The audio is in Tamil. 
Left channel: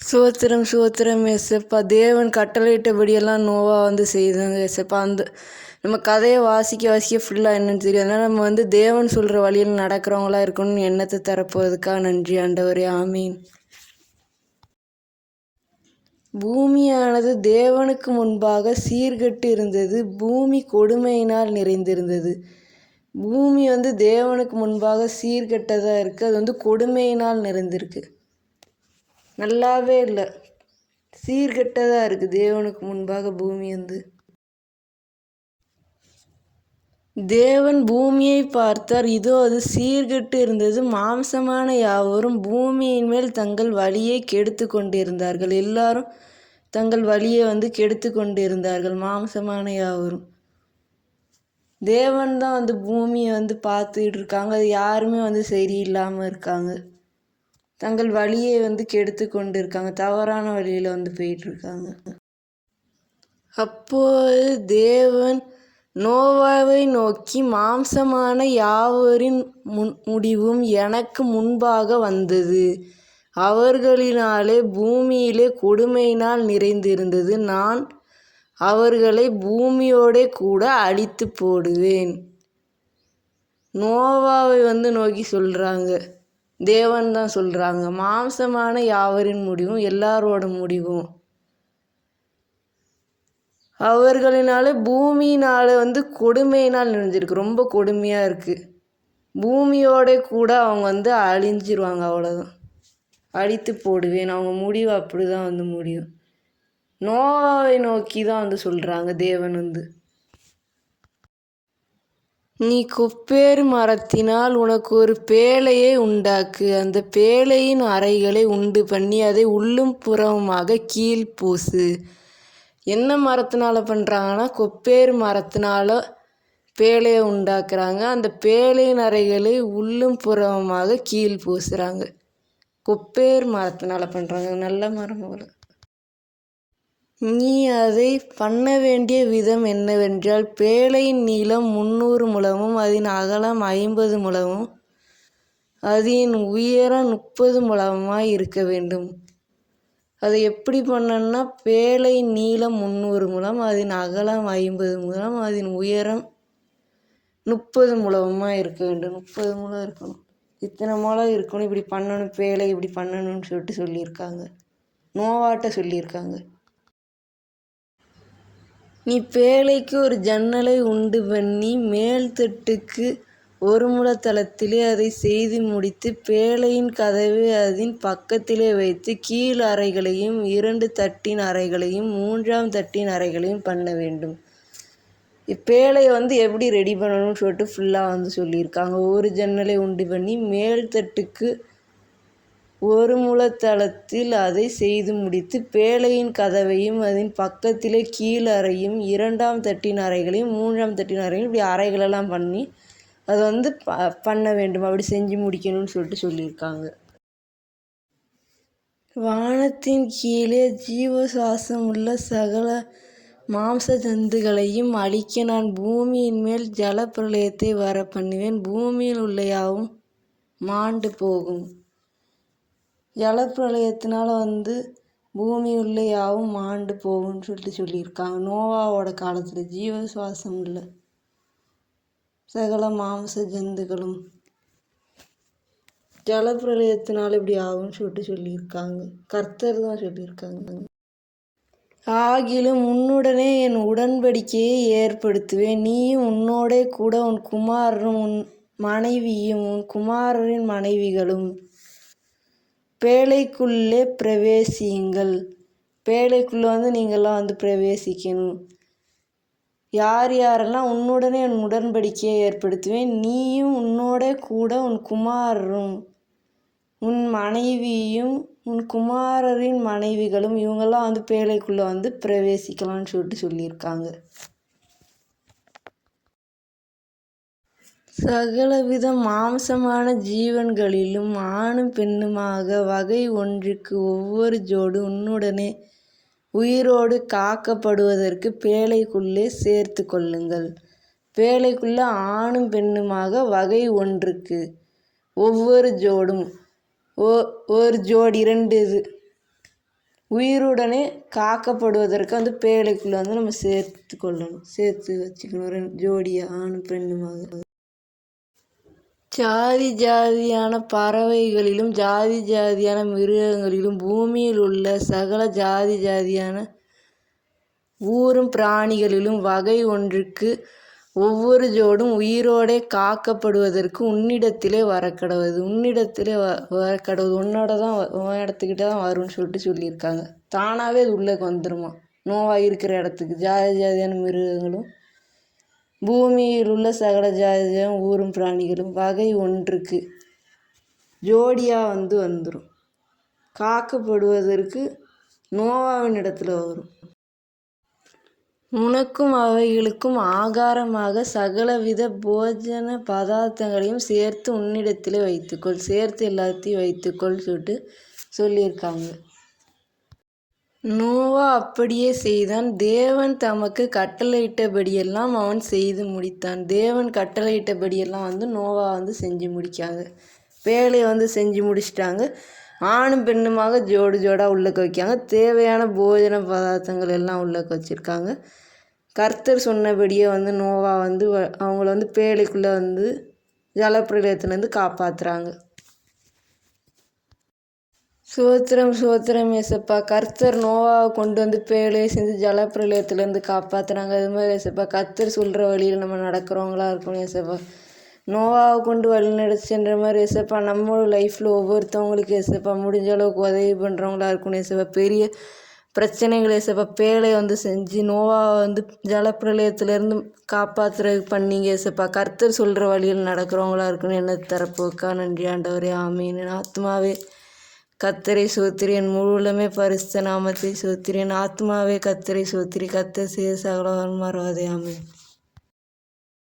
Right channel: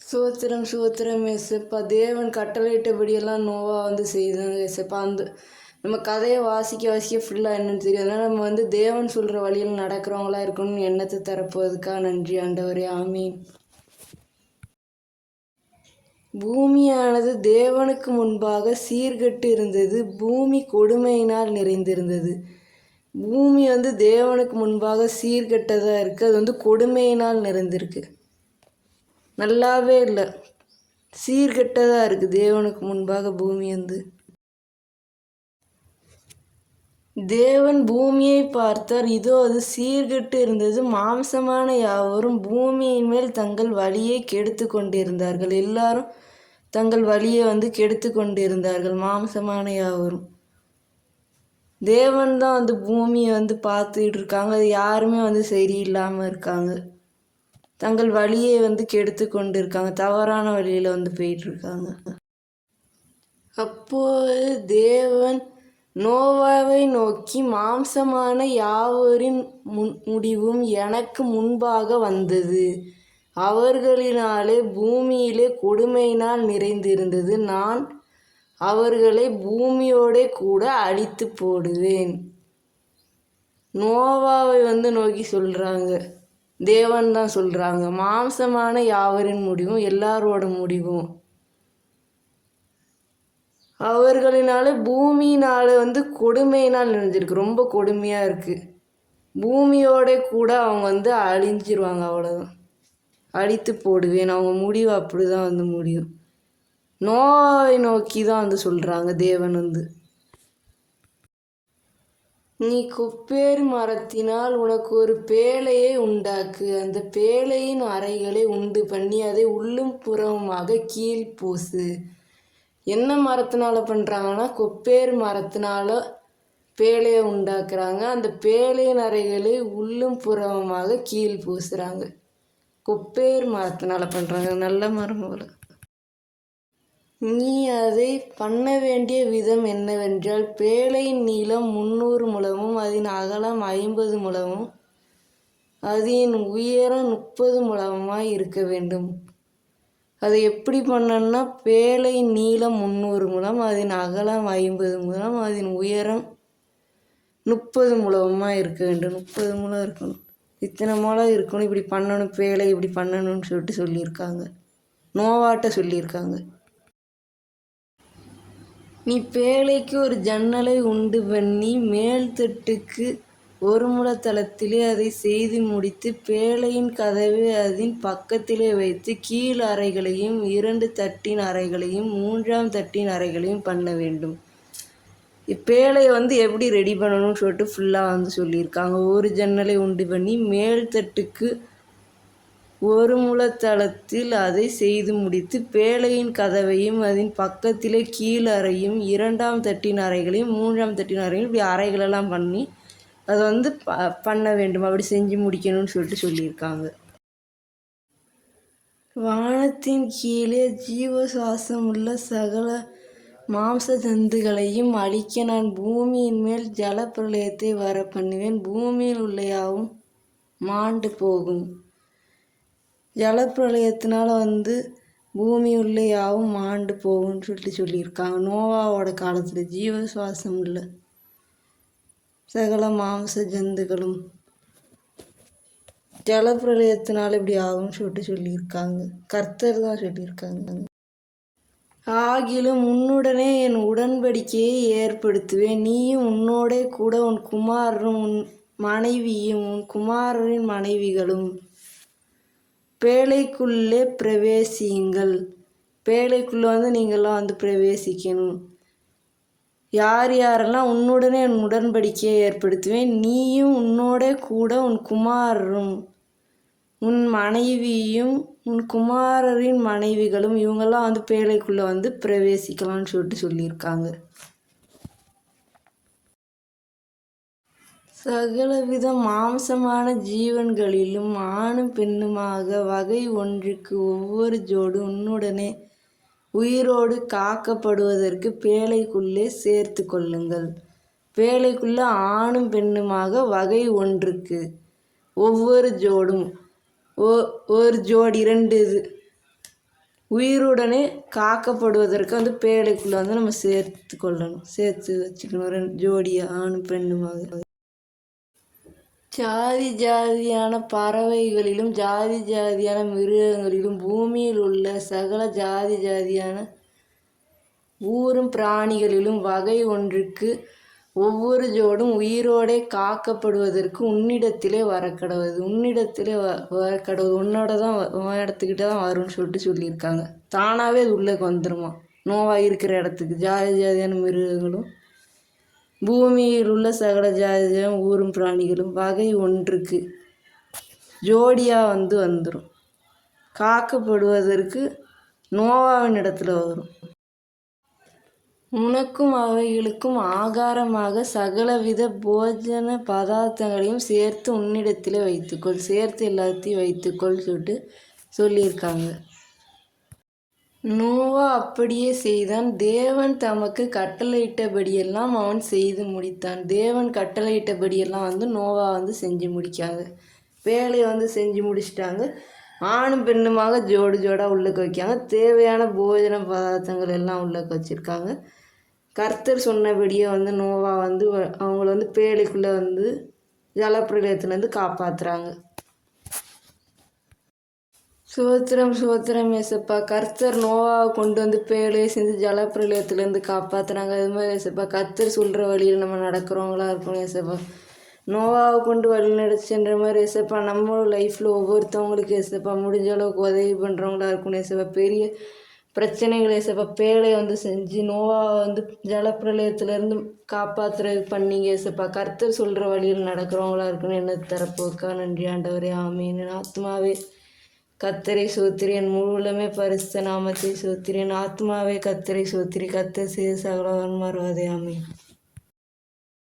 சோத்திரம் சோத்திரம் ஏசப்பா. தேவன் கட்டளையிட்டபடியெல்லாம் நோவா செய்தாங்க ஏசப்பா. நம்ம கதையை வாசிக்க ஃபுல்லாக என்னன்னு தெரியும். அதனால் நம்ம தேவன் சொல்கிற வழியில் நடக்கிறவங்களா இருக்கணும்னு எண்ணத்தை தரப்போவதுக்காக நன்றி ஆண்டவரே. ஆமீன். பூமியானது தேவனுக்கு முன்பாக சீர்கெட்டு இருந்தது. பூமி கொடுமையினால் நிறைந்திருந்தது. பூமி தேவனுக்கு முன்பாக சீர்கெட்டதாக இருக்குது. அது கொடுமையினால் நிறைந்திருக்கு. நல்லாவே இல்லை, சீர்கெட்டதாக இருக்குது. தேவனுக்கு முன்பாக பூமி தேவன் பூமியை பார்த்தார், இதோ அது சீர்கெட்டு இருந்தது. மாம்சமான யாவரும் பூமியின் மேல் தங்கள் வழியை கெடுத்து கொண்டிருந்தார்கள். எல்லாரும் தங்கள் வழியை கெடுத்து கொண்டிருந்தார்கள். மாம்சமான யாவரும். தேவன் தான் பூமியை பார்த்துக்கிட்டு இருக்காங்க. அது யாருமே சரியில்லாமல் இருக்காங்க. தங்கள் வழியை கெடுத்து கொண்டு இருக்காங்க. தவறான வழியில் போயிட்டுருக்காங்க. அப்போது தேவன் நோவாவை நோக்கி, மாம்சமான யாவரின் முடிவும் எனக்கு முன்பாக வந்தது. அவர்களினாலே பூமியிலே கொடுமையினால் நிறைந்திருந்தது. நான் அவர்களை பூமியோட கூட அழித்து போடுவேன். நோவாவை நோக்கி சொல்கிறாங்க. தேவன் தான் சொல்கிறாங்க. மாம்சமான யாவரின் முடிவும் எல்லாரோட முடிவும் அவர்களினால பூமியினால் கொடுமையினால் நிறைஞ்சிருக்கு. ரொம்ப கொடுமையாக இருக்குது. பூமியோட கூட அவங்க அழிஞ்சிருவாங்க. அவ்வளோதான், அழித்து போடுவேன். அவங்க முடிவு அப்படி தான் முடியும். நோயை நோக்கி தான் சொல்கிறாங்க தேவன். நீ கொப்பேறு மரத்தினால் உனக்கு ஒரு பேழையை உண்டாக்கு. அந்த பேழையின் அறைகளை உண்டு பண்ணி அதை உள்ளும் புறமுமாக கீழ் பூசு. என்ன மரத்தினால பண்ணுறாங்கன்னா, கொப்பேறு மரத்தினால பேழையை உண்டாக்குறாங்க. அந்த பேழையின் அறைகளை உள்ளும் புறமுமாக கீழ் பூசுகிறாங்க. கொப்பேறு மரத்தினால பண்ணுறாங்க. நல்ல மரம் போல. நீ அதை பண்ண வேண்டிய விதம் என்னவென்றால், பேழையின் நீளம் 300 முழமும் அதன் அகலம் 50 முழமும் அதன் உயரம் 30 முழமாய் இருக்க வேண்டும். அதை எப்படி பண்ணணும்னா, பேழையின் நீளம் 300 முழம், அதன் அகலம் 50 முழம், அதன் உயரம் 30 முழமாக இருக்க வேண்டும். 30 முழம் இருக்கணும். இத்தனை முழம் இருக்கணும். இப்படி பண்ணணும், பேழை இப்படி பண்ணணும்னு சொல்லியிருக்காங்க. நோவாட்ட சொல்லியிருக்காங்க. நீ பேழைக்கு ஒரு ஜன்னலை உண்டு பண்ணி மேல்தட்டுக்கு ஒரு முழத்தளத்திலே அதை செய்து முடித்து, பேழையின் கதவை அதன் பக்கத்திலே வைத்து, கீழ் அறைகளையும் 2 தட்டின் அறைகளையும் 3ஆம் தட்டின் அறைகளையும் பண்ண வேண்டும். இப்பேழையை எப்படி ரெடி பண்ணணும்னு ஃபுல்லாக சொல்லியிருக்காங்க. ஒரு ஜன்னலை உண்டு பண்ணி மேல்தட்டுக்கு ஒரு முழத்தளத்தில் அதை செய்து முடித்து, பேழையின் கதவையும் அதன் பக்கத்திலே கீழ் அறையும் 2ஆம் தட்டின் அறைகளையும் 3ஆம் தட்டின் அறைகளையும் இப்படி அறைகளெல்லாம் பண்ணி அதை பண்ண வேண்டும். அப்படி செஞ்சு முடிக்கணும்னு சொல்லியிருக்காங்க. வானத்தின் கீழே ஜீவசுவாசம் உள்ள சகல மாம்ச ஜந்துகளையும் அழிக்க நான் பூமியின் மேல் ஜல பிரளயத்தை வர பண்ணுவேன். பூமியில் உள்ள யாவும் மாண்டு போகும். ஜலப்பிரளயத்தினால பூமி உள்ள யாவும் மாண்டு போகும்னு சொல்லியிருக்காங்க. நோவாவோட காலத்தில் ஜீவசுவாசம் உள்ள சகல மாம்ச ஜந்துகளும் ஜலப்பிரளயத்தினால இப்படி ஆகும்னு சொல்லியிருக்காங்க. கர்த்தர் தான் சொல்லியிருக்காங்க. ஆகிலும் உன்னுடனே என் உடன்படிக்கையை ஏற்படுத்துவேன். நீயும் உன்னோட கூட உன் குமாரரும் உன் மனைவியும் உன் குமாரரின் மனைவிகளும் பேழைக்குள்ளே பிரவேசியுங்கள். பேழைக்குள்ளே நீங்கள்லாம் பிரவேசிக்கணும். யார் யாரெல்லாம் உன்னுடனே என் உடன்படிக்கையை ஏற்படுத்துவேன். நீயும் உன்னோட கூட உன் குமாரரும் உன் மனைவியும் உன் குமாரரின் மனைவிகளும் இவங்கெல்லாம் பேழைக்குள்ளே பிரவேசிக்கலாம்னு சொல்லியிருக்காங்க. சகலவித மாம்சமான ஜீவன்களிலும் ஆணும் பெண்ணுமாக வகை ஒன்றுக்கு ஒவ்வொரு ஜோடு உன்னுடனே உயிரோடு காக்கப்படுவதற்கு பேழைக்குள்ளே சேர்த்து கொள்ளுங்கள். பேழைக்குள்ளே ஆணும் பெண்ணுமாக வகை ஒன்றுக்கு ஒவ்வொரு ஜோடும் ஒரு ஜோடி 2 இது உயிருடனே காக்கப்படுவதற்கு பேழைக்குள்ளே நம்ம சேர்த்து வச்சுக்கணும் 2 ஜோடியாக ஆணும் பெண்ணுமாக. ஜாதி ஜாதியான பறவைகளிலும் ஜாதி ஜாதியான மிருகங்களிலும் பூமியில் உள்ள சகல ஜாதி ஜாதியான ஊரும் பிராணிகளிலும் வகை ஒன்றுக்கு ஒவ்வொரு ஜோடும் உயிரோடே காக்கப்படுவதற்கு உன்னிடத்திலே வரக்கடவுது. உன்னோட தான் உன் இடத்துக்கிட்ட தான் வரும்னு சொல்லியிருக்காங்க. தானாகவே அது உள்ளே வந்துடுமா நோவாக இருக்கிற இடத்துக்கு. ஜாதி ஜாதியான மிருகங்களும் பூமியில் உள்ள சகல ஜாதியான ஊரும் பிராணிகளும் வகை ஒன்றுக்கு ஜோடியாக வந்துடும். காக்கப்படுவதற்கு நோவாவின் இடத்துல வரும். உனக்கும் அவைகளுக்கும் ஆகாரமாக சகலவித போஜன பதார்த்தங்களையும் சேர்த்து உன்னிடத்தில் வைத்துக்கொள். சேர்த்து எல்லாத்தையும் வைத்துக்கொள் சொல்லியிருக்காங்க. நோவா அப்படியே செய்தான். தேவன் தமக்கு கட்டளையிட்டபடியெல்லாம் அவன் செய்து முடித்தான். தேவன் கட்டளையிட்டபடியெல்லாம் நோவா செஞ்சு முடிக்காங்க. வேலையை செஞ்சு முடிச்சிட்டாங்க. ஆணும் பெண்ணுமாக ஜோடு ஜோடாக உள்ளக்க வைக்காங்க. தேவையான போஜன பதார்த்தங்கள் எல்லாம் உள்ளக்க வச்சுருக்காங்க. கர்த்தர் சொன்னபடியே நோவா அவங்கள பேழைக்குள்ளே ஜலப்பிரளயத்துலேருந்து காப்பாற்றுறாங்க. சோத்திரம் ஏசப்பா. கர்த்தர் நோவாவை கொண்டு பேழையை செஞ்சு ஜலப்பிரளயத்துலேருந்து காப்பாற்றுறாங்க. அது மாதிரி ஏசப்பா கர்த்தர் சொல்கிற வழியில் நம்ம நடக்கிறவங்களா இருக்கணும் ஏசப்பா. நோவாவை கொண்டு வழி நடச்சுன்ற மாதிரி ஏசப்பா நம்ம லைஃப்பில் ஒவ்வொருத்தவங்களுக்கு ஏசப்பா முடிஞ்ச அளவுக்கு உதவி பண்ணுறவங்களா இருக்கணும் ஏசப்பா. பெரிய பிரச்சனைகள் ஏசப்பா பேழை செஞ்சு நோவாவை ஜலப்பிரளயத்துலேருந்து காப்பாற்றுறதுக்கு பண்ணீங்க ஏசப்பா. கர்த்தர் சொல்கிற வழியில் நடக்கிறவங்களா இருக்கணும். என்ன தரப்போக்கா நன்றி ஆண்டவரே. ஆமீன். ஆத்மாவே கர்த்தரை சோத்திரி, என் முழுவலுமே பரிசுத்த நாமத்தை சோத்திரி. என் ஆத்மாவே கர்த்தரை சோத்திரி. கர்த்தர் செய்த சகல மறவாதே. ஆமீன்.